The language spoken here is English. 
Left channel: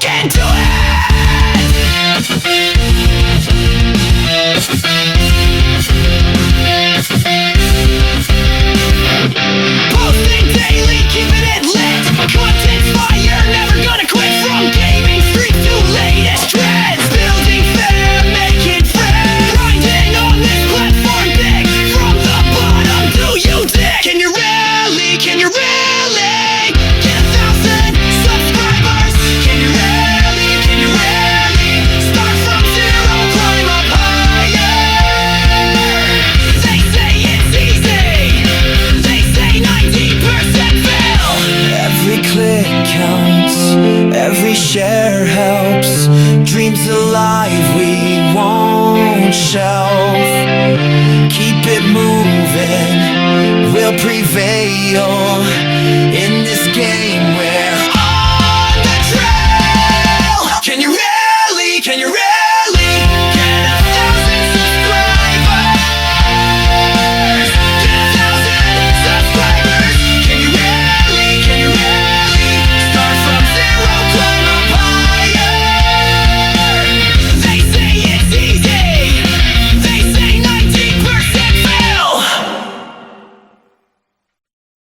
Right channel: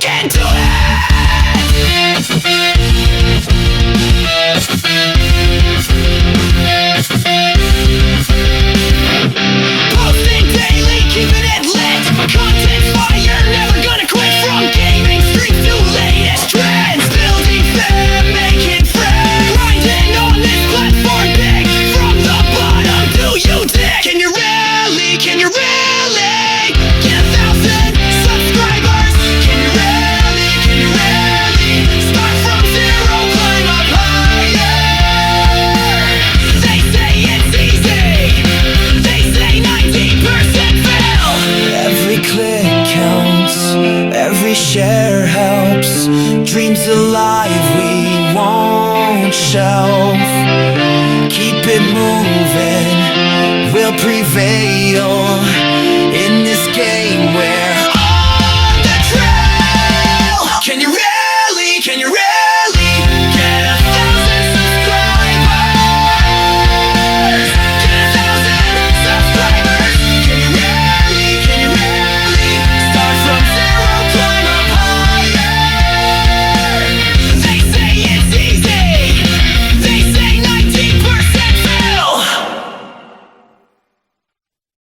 can do it. Posting daily, keeping it lit. Content's fire, never gonna quit. From gaming streams to latest trends, building fam, making friends, grinding on this platform big. From the bottom, do you dig? Can you really get 1,000 subscribers? Can you really start from zero, climb up higher? They say it's easy, they say 90% fail. Every click counts, every share helps. Dreams alive, we won't shelf. Keep it moving, we'll prevail. In this game we're on the trail. Can you